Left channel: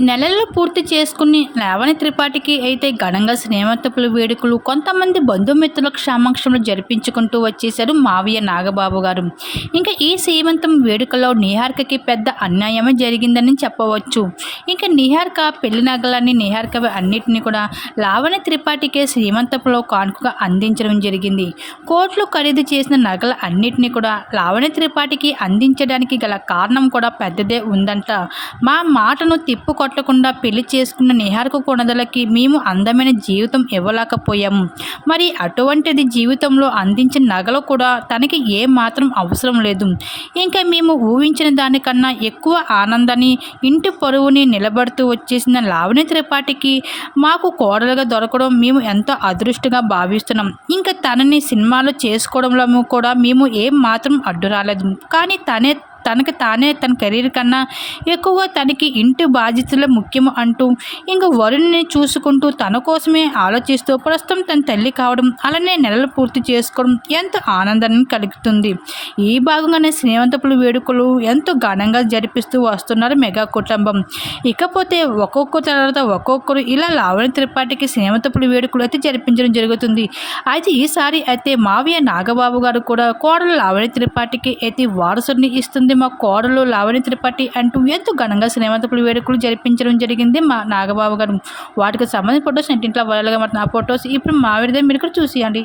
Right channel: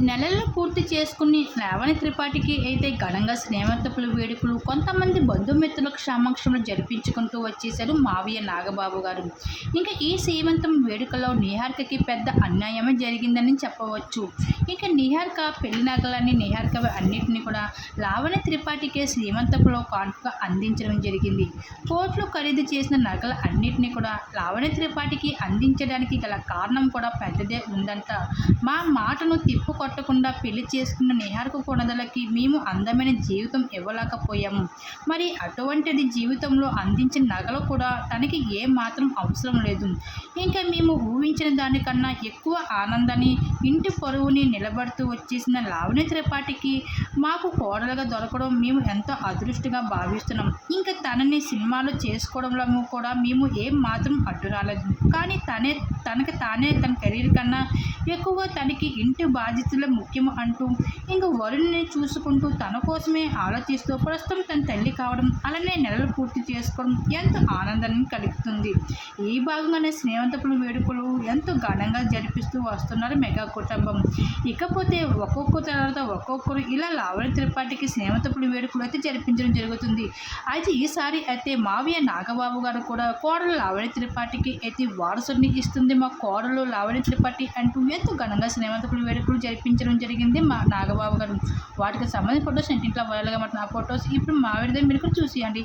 నెలలు పూర్తి చేసుకుని లేవని త్రిపాఠికి అయితే ఘనంగా స్నేహతపుల వేడుకలు కొంతమంది బంధుమిత్రుల సమక్షంలో జరిపించుకుంటూ వచ్చేశారు మావయ్య నాగబాబు గారు. ఇంకా ఈ శ్రీమంతం వేడుకలో నిహార్కకి పెద్ద అన్యాయమే జరిగిందని చెప్పవచ్చు. ఇంకా నిహార్క పెళ్ళి నగలని నిహార్క అన్నిటిని కూడా లావణ్య త్రిపాఠికే శ్రీమంతపులో కానుకగా అందించడం జరిగింది. కోట్లు ఖరీదు చేసిన నగల అన్నిటిని కూడా లావణ్య త్రిపాఠికి అందించడానికి గల కారణం కూడా పెద్దదే ఉందంట. మా మాటను తిప్పుకో కొట్టకుండా పెళ్ళి చేసుకున్న నిహార్కు కొనదలకి మేము అందమైన జీవితం ఇవ్వలేకపోయాము. మరి అటువంటిది జీవితంలో అందించిన నగలు కూడా తనకి ఏ మాత్రం అవసరం లేదు. ఇంకా మేము ఊహించిన దానికన్నా ఎక్కువ ఆనందాన్ని ఇంటి పొరువుని నిలబడుతూ వచ్చేసిన లావణ్య త్రిపాఠికి మాకు కోడలుగా దొరకడం మేము ఎంతో అదృష్టంగా భావిస్తున్నాం. ఇంకా తనని సినిమాలో చేసుకోవడంలో కూడా మేము ఏం మాత్రం అడ్డు రాలేదు కానీ తనే తనకి తానే తన కెరీర్ కన్నా ఎక్కువగా తనకి ఇంటి బాధ్యతలు ముఖ్యం అంటూ ఇంకా వరుణ్ని చూసుకుంటూ తన కోసమే ఆలోచిస్తూ ప్రస్తుతం తన తల్లి కావడం అలానే నెలలు పూర్తి చేసుకోవడం ఎంతో ఆనందాన్ని కలుగుతుంది. ఈ భాగంగానే శ్రీమంతపుల వేడుకలు ఎంతో ఘనంగా జరిపిస్తూ వస్తున్నారు మెగా కుటుంబం. ఇకపోతే ఒక్కొక్క తర్వాత ఒక్కొక్కరు ఇలా లావణ్య త్రిపాఠికి శ్రీమంతపుల వేడుకలు అయితే జరిపించడం జరుగుతుంది. అయితే ఈసారి అయితే మావయ్య నాగబాబు గారు కూడా కోడలు లావణ్య త్రిపాఠికి అయితే వారసుని ఇస్తుంది. మా కోడలు లావణ్య త్రిపాఠి అంటూ ఎంతో ఘనంగా శ్రీమంతపుడి వేడుకలు జరిపించడం జరిగింది మా నాగబాబు గారు. వాటికి సంబంధించిన ఫొటోస్ ఇంటింట్లో వైరల్గా మాట్లాడిన ఆ ఫొటోస్ ఇప్పుడు మా విడిదే మీరు కూడా చూసేయండి.